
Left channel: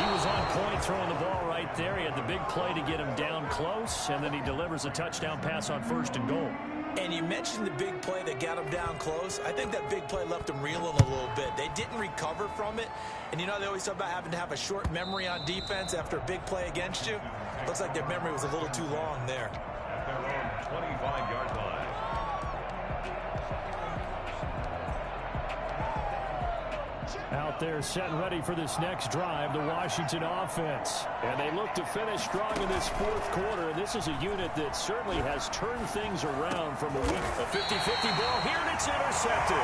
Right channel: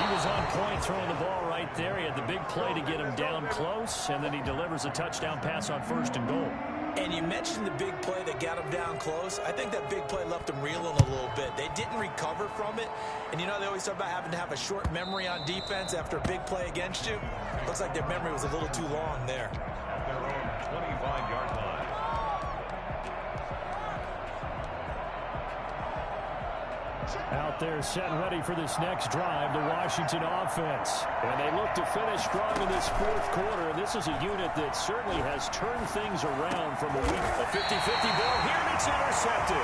He was on point throwing the ball right there. He had the big play to get him down close, and then he delivers a touchdown pass on 1st and goal. And you mentioned the big play that got him down close. I think that big play left him reeling a little bit. They didn't recover from it. And you know, they always talk about having to have a short memory on defense after a big play against you. Looks like their memory was a little too long there. At their own 25-yard line. Out there set and ready for this next drive, the Washington offense. And they look to finish strong in this 4th quarter. And this is a unit that certainly has turned things around from a week. A 50-50 ball here, and it's intercepted.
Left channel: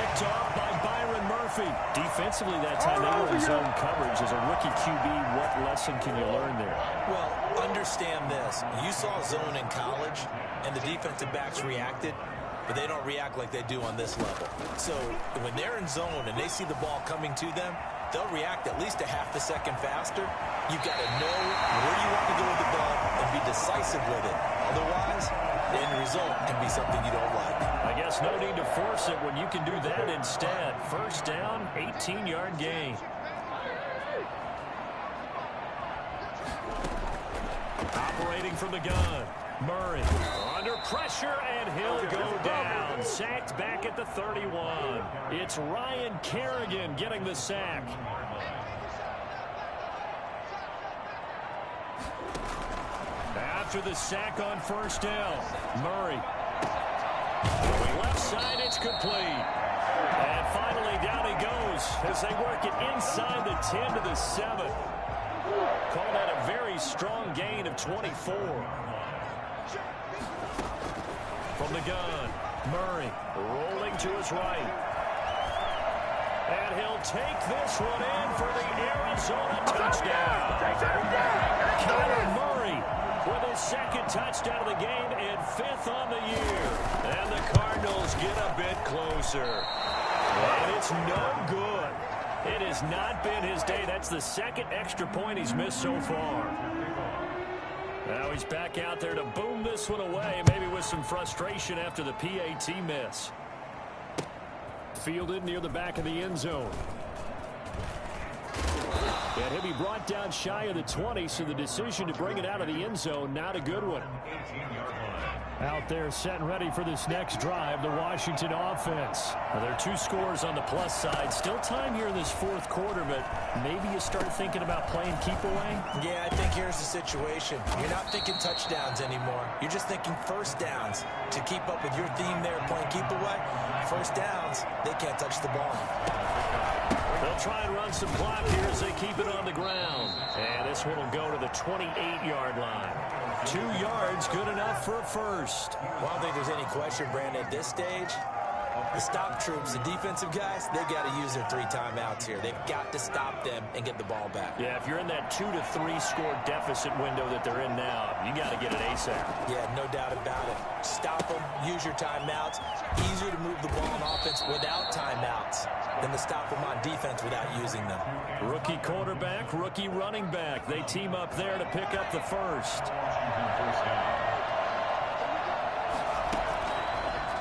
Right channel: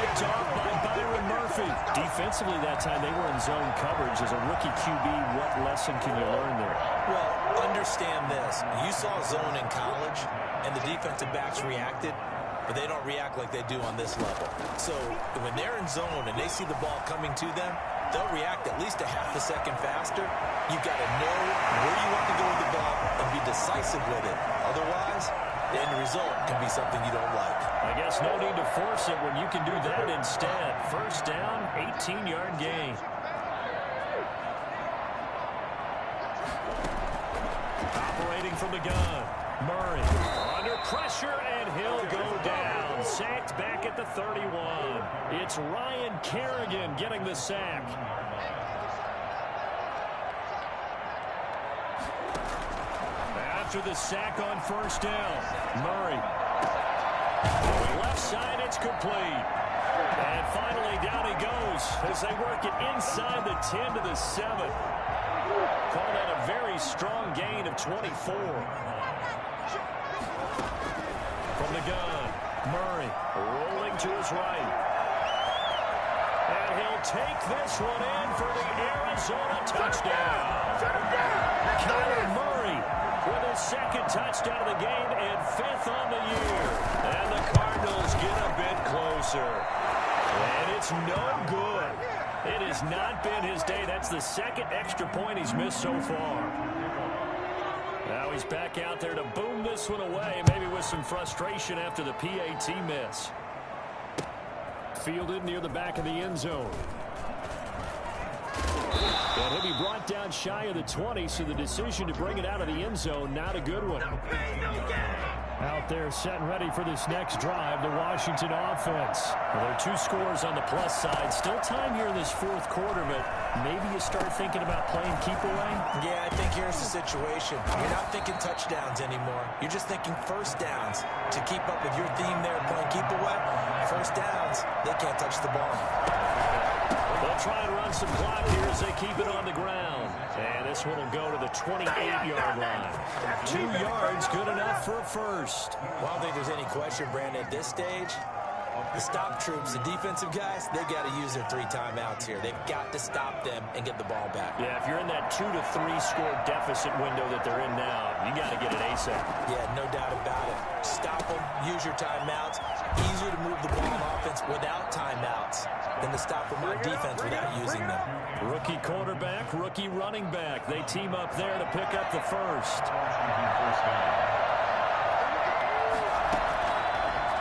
Picked off by Byron Murphy. Defensively that time, they were in zone coverage. As a rookie QB, what lesson can you learn there? Well, understand this. You saw zone in college, and the defensive backs reacted. But they don't react like they do on this level. So when they're in zone and they see the ball coming to them, they'll react at least a half a second faster. You've got to know where you want to go with the ball and be decisive with it. Otherwise, the end result can be something you don't like. I guess no need to force it when you can do that instead. 1st down, 18-yard gain. Operating from the gun. Murray under pressure, and he'll go down. Sacked back at the 31. It's Ryan Kerrigan getting the sack. After the sack on 1st down, Murray. Left side, it's complete. And finally, down he goes as they work it inside the 10 to the 7. Call that a very strong gain of 24. From the gun, Murray rolling to his right. And he'll take this one in for the Arizona touchdown. Kyler Murray with his 2nd touchdown of the game and 5th on the year. And the Cardinals get a bit closer. And it's no good. It has not been his day. That's the 2nd extra point he's missed so far. Now he's back out there to boom this one away, maybe with some frustration after the PAT miss. Fielded near the back of the end zone. And he'll be brought down shy of the 20, so the decision to bring it out of the end zone, not a good one. Out there set and ready for this next drive, the Washington offense. Well, there are 2 scores on the plus side. Still time here in this 4th quarter, but maybe you start thinking about playing keep away? Yeah, I think here's the situation. You're not thinking touchdowns anymore. You're just thinking 1st downs. To keep up with your theme there, playing keep away, 1st downs, they can't touch the ball. They'll try and run some clock here as they keep it on the ground. And this one will go to the 28-yard line. 2 yards, good enough for a 1st. Well, I don't think there's any question, Brandon, at this stage, The stop troops, the defensive guys, they got to use their 3 timeouts here. They've got to stop them and get the ball back. Yeah, if you're in that 2 to 3 score deficit window that they're in now, you got to get it ASAP. Yeah, no doubt about it. Stop them, use your timeouts. Easier to move the ball on offense without timeouts than to stop them on defense without using them. Rookie quarterback, rookie running back. They team up there to pick up the first. Washington first down.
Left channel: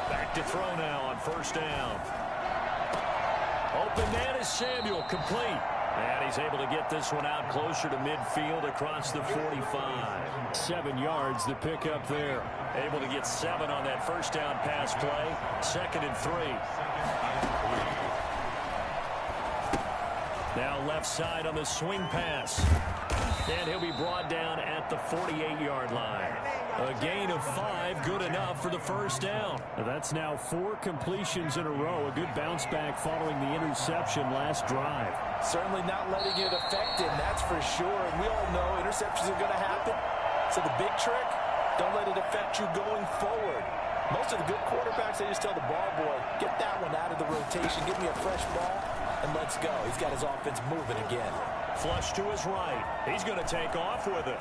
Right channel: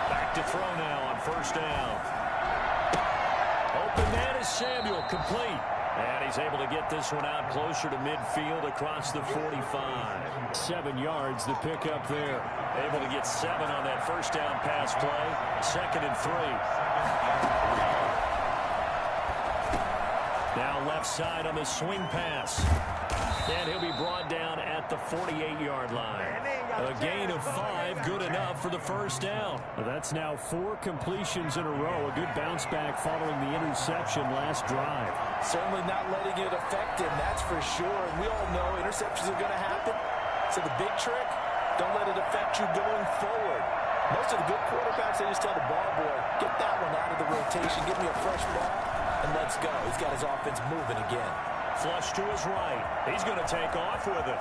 Back to throw now on first down. Open man is Samuel, complete. And he's able to get this one out closer to midfield across the 45. 7 yards to pick up there. Able to get 7 on that first down pass play. 2nd and 3. Now left side on the swing pass. And he'll be brought down at the 48-yard line. A gain of 5, good enough for the first down. That's now 4 completions in a row. A good bounce back following the interception last drive. Certainly not letting it affect him, that's for sure. And we all know interceptions are going to happen. So the big trick, don't let it affect you going forward. Most of the good quarterbacks, they just tell the ball boy, get that one out of the rotation, give me a fresh ball, and let's go. He's got his offense moving again. Flush to his right. He's going to take off with it.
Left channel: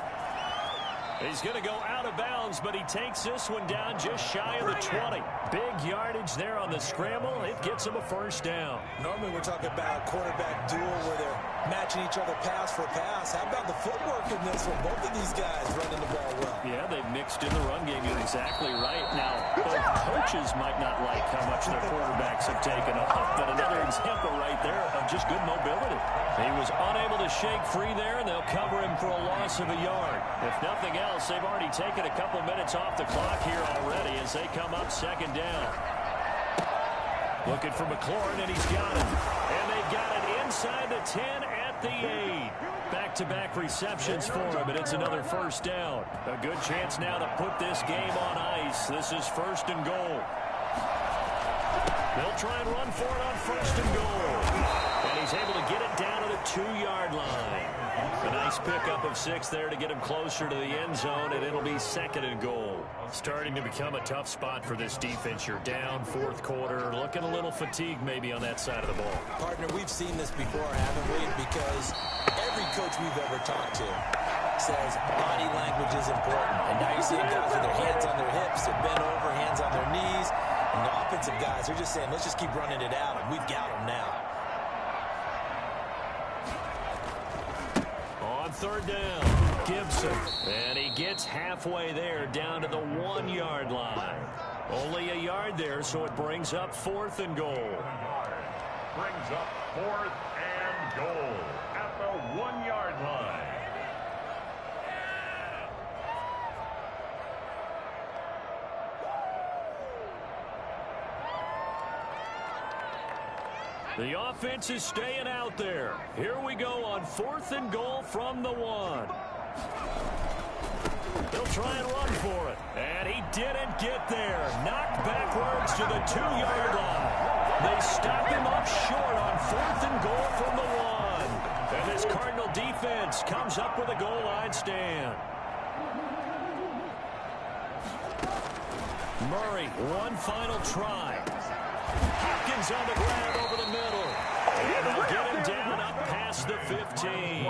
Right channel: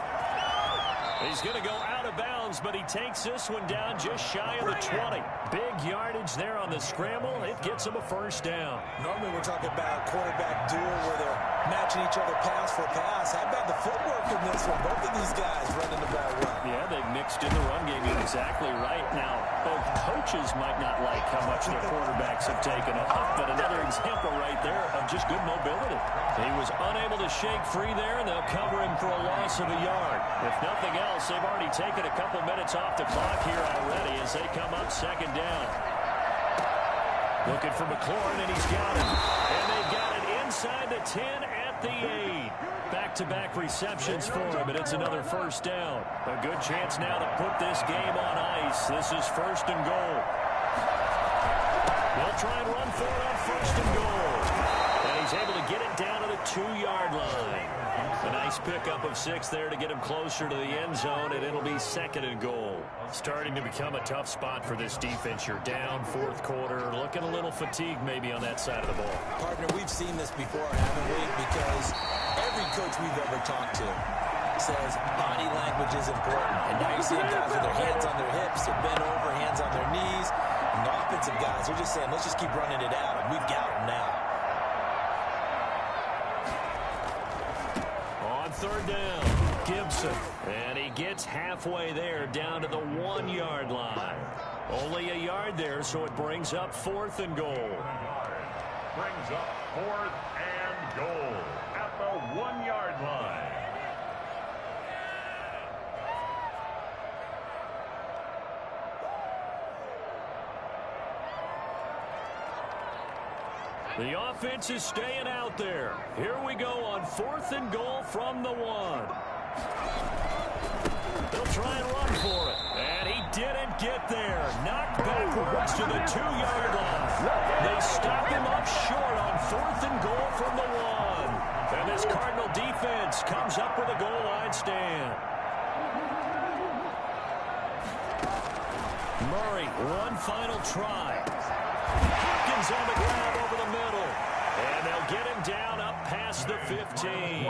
He's going to go out of bounds, but he takes this one down just shy of the 20. Big yardage there on the scramble. It gets him a first down. Normally we're talking about a quarterback duel where they're matching each other pass for pass. How about the footwork in this one? Both of these guys running the ball well. Yeah, they've mixed in the run game. You're exactly right. Now, both coaches might not like how much their quarterbacks have taken off, but another example right there of just good mobility. He was unable to shake free there, and they'll cover him for a loss of a yard. If nothing else, they've already taken a couple minutes off the clock here already as they come up 2nd down. Looking for McLaurin, and he's got it. And they got it inside the 10 at the 8. Back-to-back receptions for him, and it's another first down. A good chance now to put this game on ice. This is 1st and goal. They'll try and run for it on 1st and goal. And he's able to get it down to the 2-yard line. A nice pickup of 6 there to get him closer to the end zone, and it'll be 2nd and goal. Starting to become a tough spot for this defense. You're down 4th quarter, looking a little fatigued maybe on that side of the ball. Partner, we've seen this before, haven't we? Because every coach we've ever talked to says body language is important. And now you're seeing guys with their hands on their hips, they're bent over, hands on their knees. And the offensive guys are just saying, let's just keep running it out, and we've got them now. On 3rd down, Gibson. And he gets halfway there down to the 1-yard line. Only a yard there, so it brings up 4th and goal. Brings up 4th and goal at the 1-yard line. The offense is staying out there. Here we go on 4th and goal from the 1. They'll try and run for it. And he didn't get there. Knocked backwards to the 2-yard line. They stop him up short on 4th and goal from the 1. And this Cardinal defense comes up with a goal line stand. Murray, one final try. Hopkins on the grab over the middle. And they'll get him down up past the 15.